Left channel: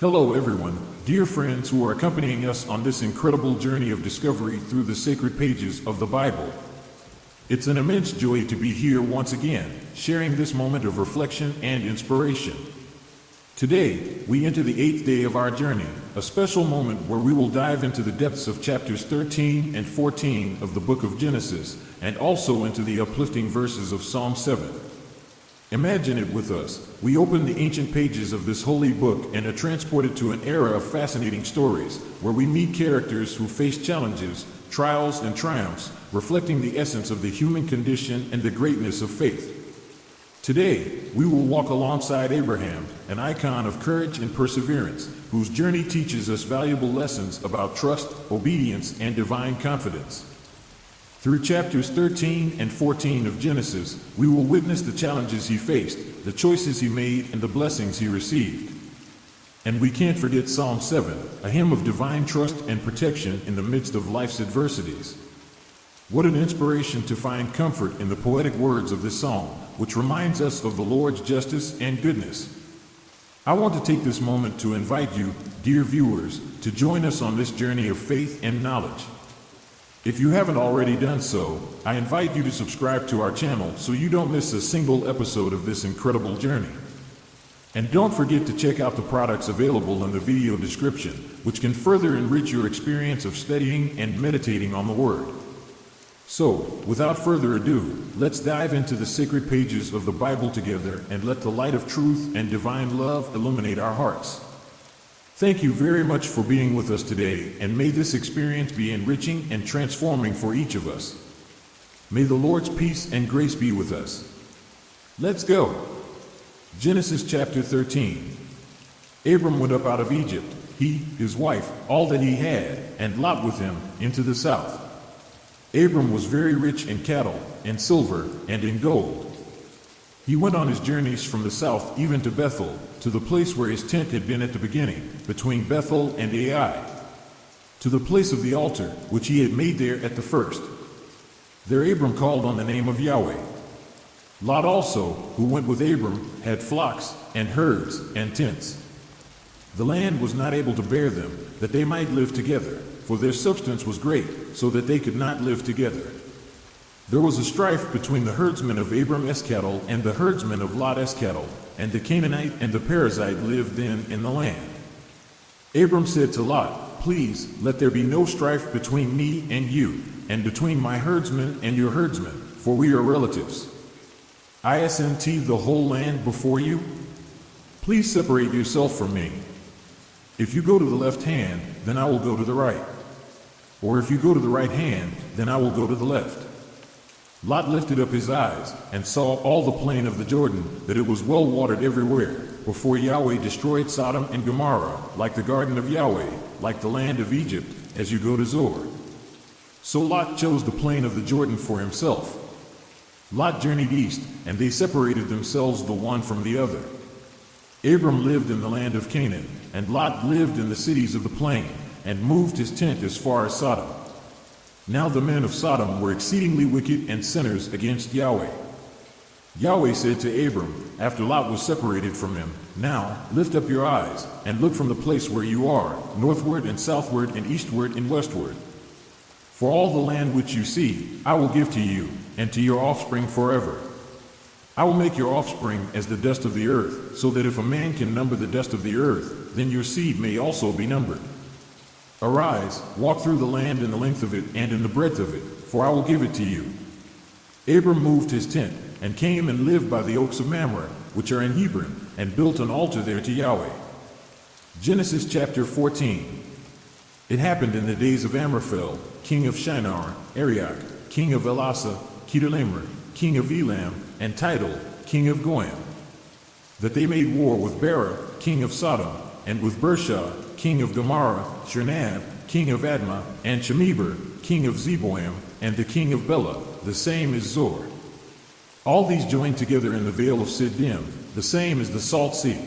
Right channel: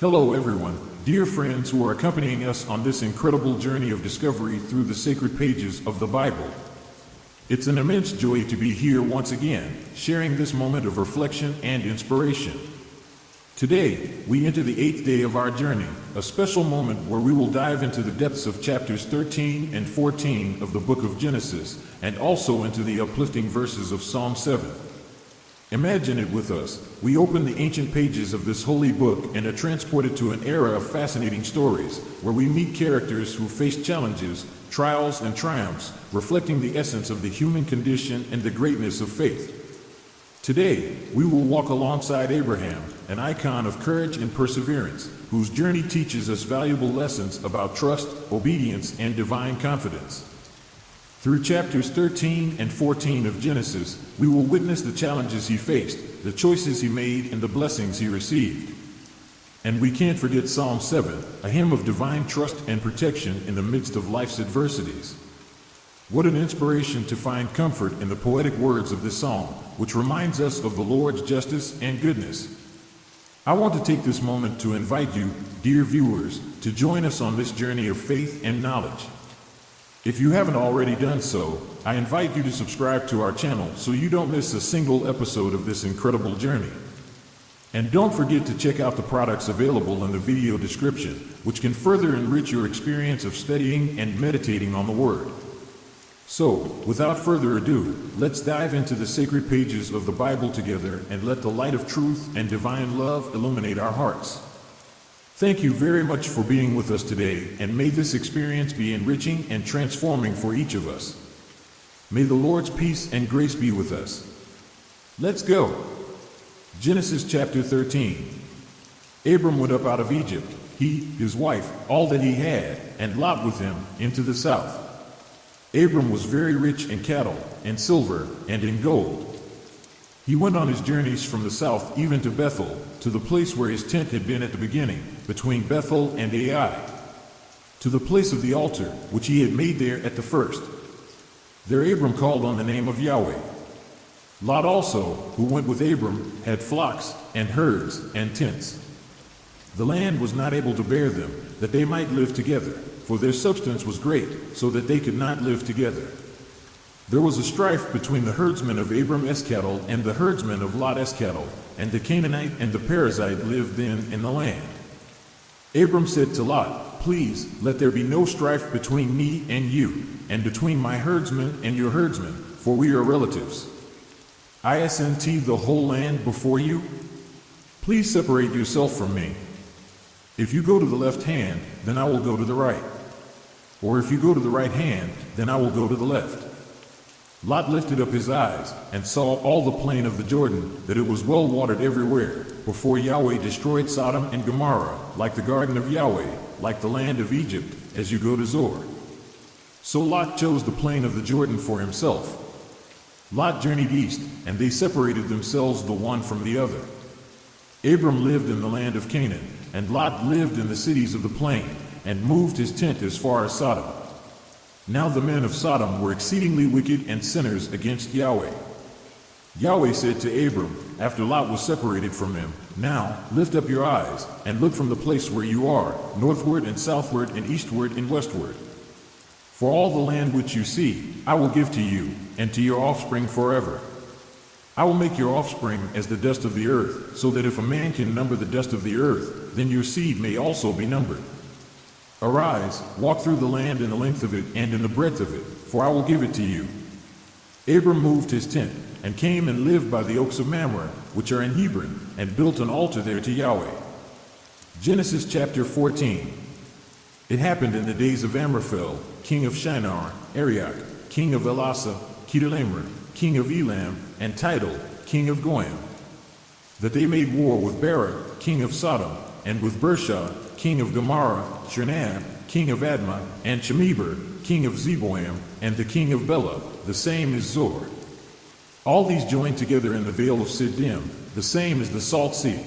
Hello, everyone, dear friends who are accompanying us on this incredible journey of discovery through the sacred pages of the Bible. It's an immense joy to be here once again, sharing this moment of reflection and inspiration. Today, we enter the 8th day of our journey, a special moment where we will dive into the depths of chapters 13 and 14 of the book of Genesis, and also into the uplifting verses of Psalm 7. Imagine it with us. We open the ancient pages of this holy book and are transported to an era of fascinating stories, where we meet characters who face challenges, trials, and triumphs, reflecting the essence of the human condition and the greatness of faith. Today, we will walk alongside Abraham, an icon of courage and perseverance, whose journey teaches us valuable lessons about trust, obedience, and divine confidence. Through chapters 13 and 14 of Genesis, we will witness the challenges he faced, the choices he made, and the blessings he received. And we can't forget Psalm 7, a hymn of divine trust and protection in the midst of life's adversities. What an inspiration to find comfort in the poetic words of this psalm, which reminds us of the Lord's justice and goodness. I want to take this moment to invite you, dear viewers, to join us on this journey of faith and knowledge. If you haven't already done so, I invite you to subscribe to our channel so you don't miss a single episode of this incredible journey. And don't forget to check out the products available in the video description, which can further enrich your experience of studying and meditating on the Word. So, without further ado, let's dive into the sacred pages of the Bible together and let the light of truth and divine love illuminate our hearts. Thank you very much for being with us today, and may this experience be enriching and transforming for each of us. May the Lord's peace and grace be with us. Let's go. Genesis chapter 13. Abram went up out of Egypt, he, his wife, all that he had, and Lot with him, into the south. Abram was very rich in cattle, and silver, and in gold. He went on his journeys from the south even to Bethel, to the place where his tent had been at the beginning, between Bethel and Ai, to the place of the altar, which he had made there at the first. There Abram called on the name of Yahweh. Lot also, who went with Abram, had flocks, and herds, and tents. The land was not able to bear them, that they might live together, for their substance was great, so that they could not live together. There was a strife between the herdsmen of Abram's cattle and the herdsmen of Lot's cattle, and the Canaanite and the Perizzite lived then in the land. Abram said to Lot, "Please, let there be no strife between me and you, and between my herdsmen and your herdsmen, for we are relatives. I send the whole land before you. Please separate yourself from me. If you go to the left hand, then I will go to the right. Or if you go to the right hand, then I will go to the left." Lot lifted up his eyes and saw all the plain of the Jordan, that it was well watered everywhere, before Yahweh destroyed Sodom and Gomorrah, like the garden of Yahweh, like the land of Egypt, as you go to Zoar. So Lot chose the plain of the Jordan for himself. Lot journeyed east, and they separated themselves the one from the other. Abram lived in the land of Canaan, and Lot lived in the cities of the plain, and moved his tent as far as Sodom. Now the men of Sodom were exceedingly wicked and sinners against Yahweh. Yahweh said to Abram, after Lot was separated from him, "Now lift up your eyes, and look from the place where you are, northward and southward and eastward and westward. For all the land which you see, I will give to you, and to your offspring forever. I will make your offspring as the dust of the earth, so that if a man can number the dust of the earth, then your seed may also be numbered. Arise, walk through the land in the length of it and in the breadth of it, for I will give it to you." Abram moved his tent, and came and lived by the oaks of Mamre, which are in Hebron, and built an altar there to Yahweh. Genesis chapter 14. It happened in the days of Amraphel, king of Shinar, Arioch, king of Elasah, Chedorlaomer, king of Elam, and Tidal, king of Goyim, that they made war with Bera, king of Sodom, and with Bersha, king of Gomorrah, Shernab, king of Admah, and Shemeber, king of Zeboim, and the king of Bela, the same is Zor. All these joined together in the vale of Siddim, the same is the Salt Sea.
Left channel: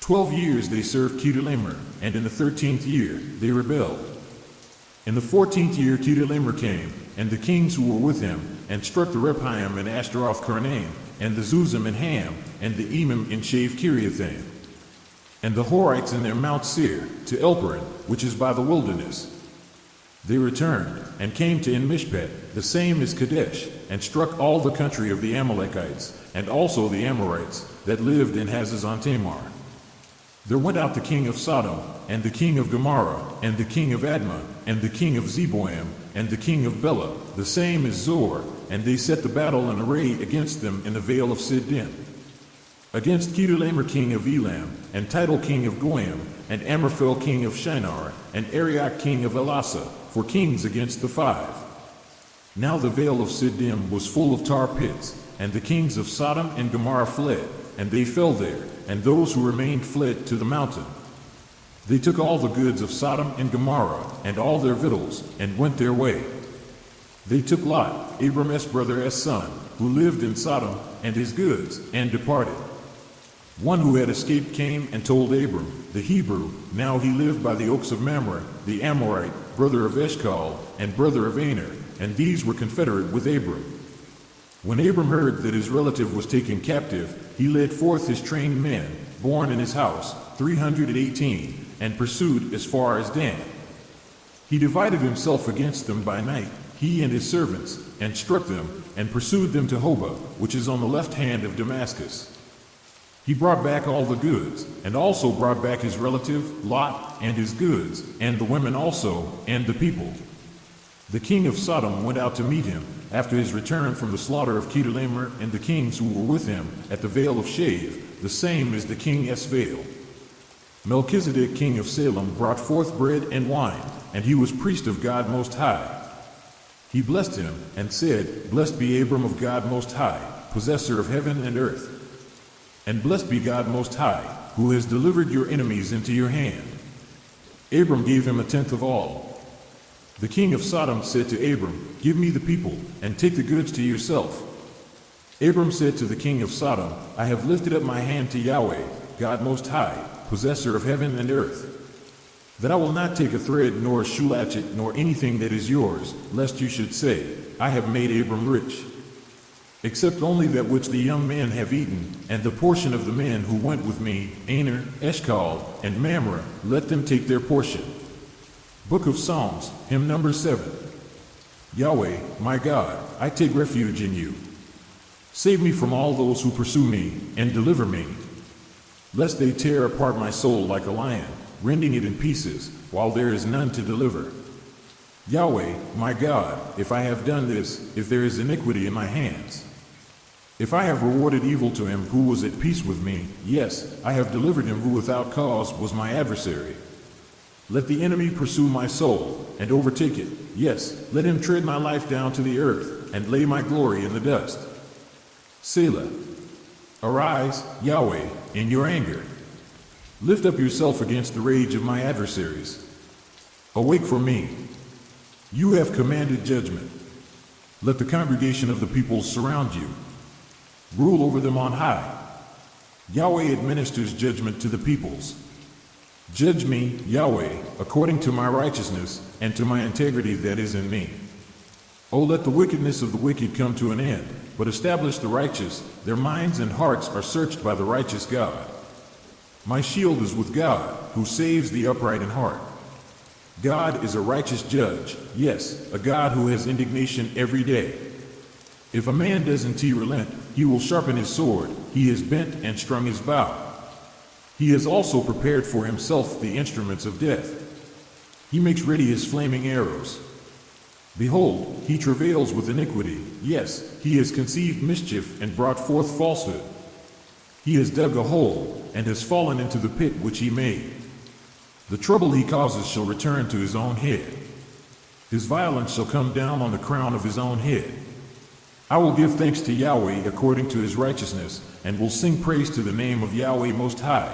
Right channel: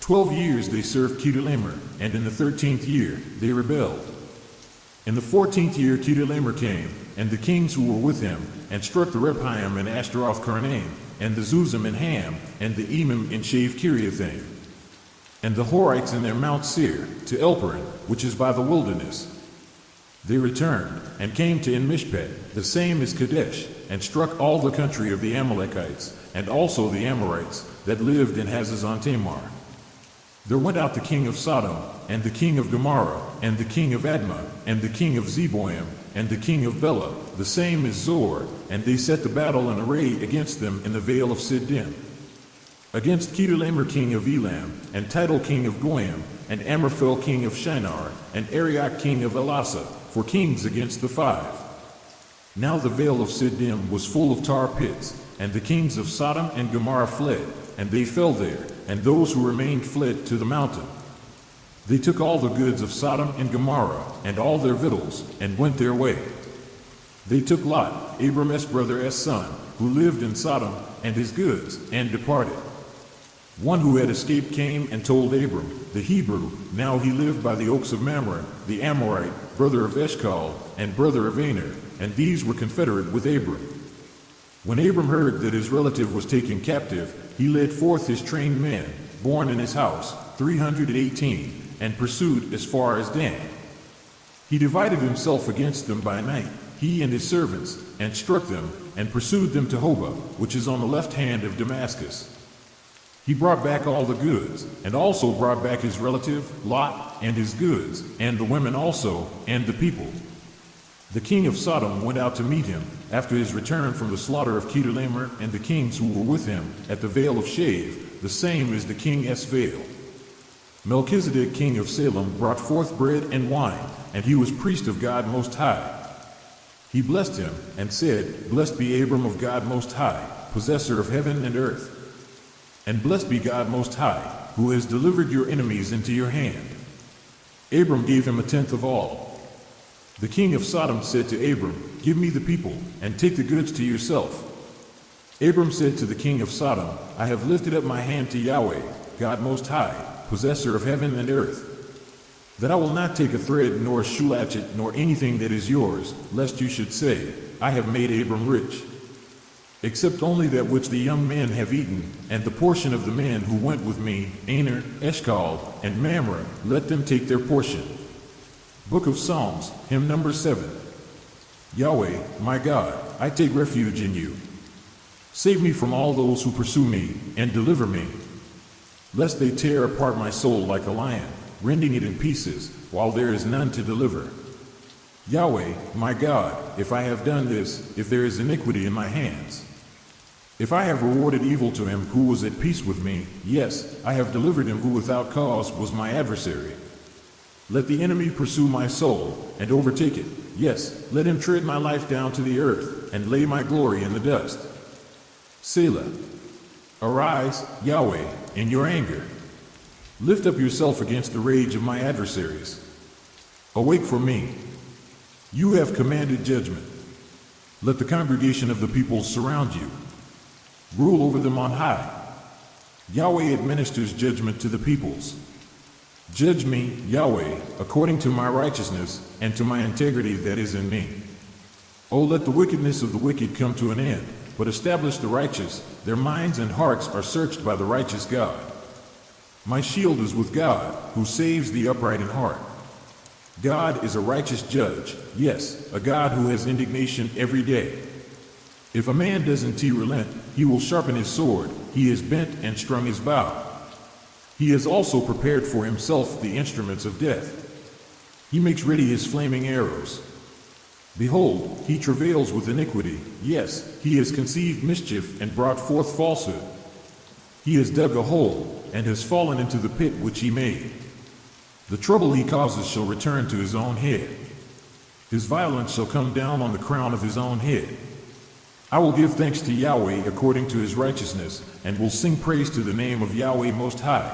12 years they served Chedorlaomer, and in the 13th year they rebelled. In the 14th year Chedorlaomer came, and the kings who were with him, and struck the Rephaim and Ashtaroth Karnaim, and the Zuzim and Ham, and the Emim and Shave Kiriathaim. and the Horites in their Mount Seir, to Elparan, which is by the wilderness. They returned, and came to En-Mishpat, the same as Kadesh, and struck all the country of the Amalekites, and also the Amorites, that lived in Hazazon-Tamar. There went out the king of Sodom, and the king of Gomorrah, and the king of Admah, and the king of Zeboam, and the king of Bela, the same as Zor, and they set the battle in array against them in the vale of Siddim. Against Kedorlaomer king of Elam, and Tidal king of Goyim, and Amraphel king of Shinar, and Arioch king of Elasa, for kings against the 5. Now the vale of Siddim was full of tar pits, and the kings of Sodom and Gomorrah fled, and they fell there, and those who remained fled to the mountain. They took all the goods of Sodom and Gomorrah, and all their victuals, and went their way. They took Lot, Abram's brother's son, who lived in Sodom, and his goods, and departed. One who had escaped came and told Abram, the Hebrew, now he lived by the oaks of Mamre, the Amorite, brother of Eshcol, and brother of Aner, and these were confederate with Abram. When Abram heard that his relative was taken captive, he led forth his trained men, born in his house, 318, and pursued as far as Dan. He divided himself against them by night, he and his servants, and struck them, and pursued them to Hobah, which is on the left hand of Damascus. He brought back all the goods, and also brought back his relative, Lot, and his goods, and the women also, and the people. The king of Sodom went out to meet him, after his return from the slaughter of Kedorlaomer and the kings who were with him, at the vale of Shave, the same as the king Esvael. Melchizedek king of Salem brought forth bread and wine, and he was priest of God Most High. He blessed him, and said, Blessed be Abram of God Most High, possessor of heaven and earth. And blessed be God Most High, who has delivered your enemies into your hand. Abram gave him 1/10 of all. The king of Sodom said to Abram, Give me the people, and take the goods to yourself. Abram said to the king of Sodom, I have lifted up my hand to Yahweh, God Most High, possessor of heaven and earth, that I will not take a thread, nor a shoe latchet, nor anything that is yours, lest you should say, I have made Abram rich. Except only that which the young men have eaten, and the portion of the men who went with me, Aner, Eshcol, and Mamre, let them take their portion. Book of Psalms, hymn number 7. Yahweh, my God, I take refuge in you. Save me from all those who pursue me, and deliver me, lest they tear apart my soul like a lion, rending it in pieces, while there is none to deliver. Yahweh, my God, if I have done this, if there is iniquity in my hands, if I have rewarded evil to him who was at peace with me, yes, I have delivered him who without cause was my adversary. Let the enemy pursue my soul, and overtake it. Yes, let him tread my life down to the earth, and lay my glory in the dust. Selah. Arise, Yahweh, in your anger. Lift up yourself against the rage of my adversaries. Awake for me. You have commanded judgment. Let the congregation of the people surround you. Rule over them on high. Yahweh administers judgment to the peoples. Judge me, Yahweh, according to my righteousness and to my integrity that is in me. Oh, let the wickedness of the wicked come to an end, but establish the righteous. Their minds and hearts are searched by the righteous God. My shield is with God, who saves the upright in heart. God is a righteous judge, yes, a God who has indignation every day. If a man doesn't relent, he will sharpen his sword. He has bent and strung his bow. He has also prepared for himself the instruments of death. He makes ready his flaming arrows. Behold, he travails with iniquity. Yes, he has conceived mischief and brought forth falsehood. He has dug a hole and has fallen into the pit which he made. The trouble he causes shall return to his own head. His violence shall come down on the crown of his own head. I will give thanks to Yahweh according to his righteousness, and will sing praise to the name of Yahweh Most High,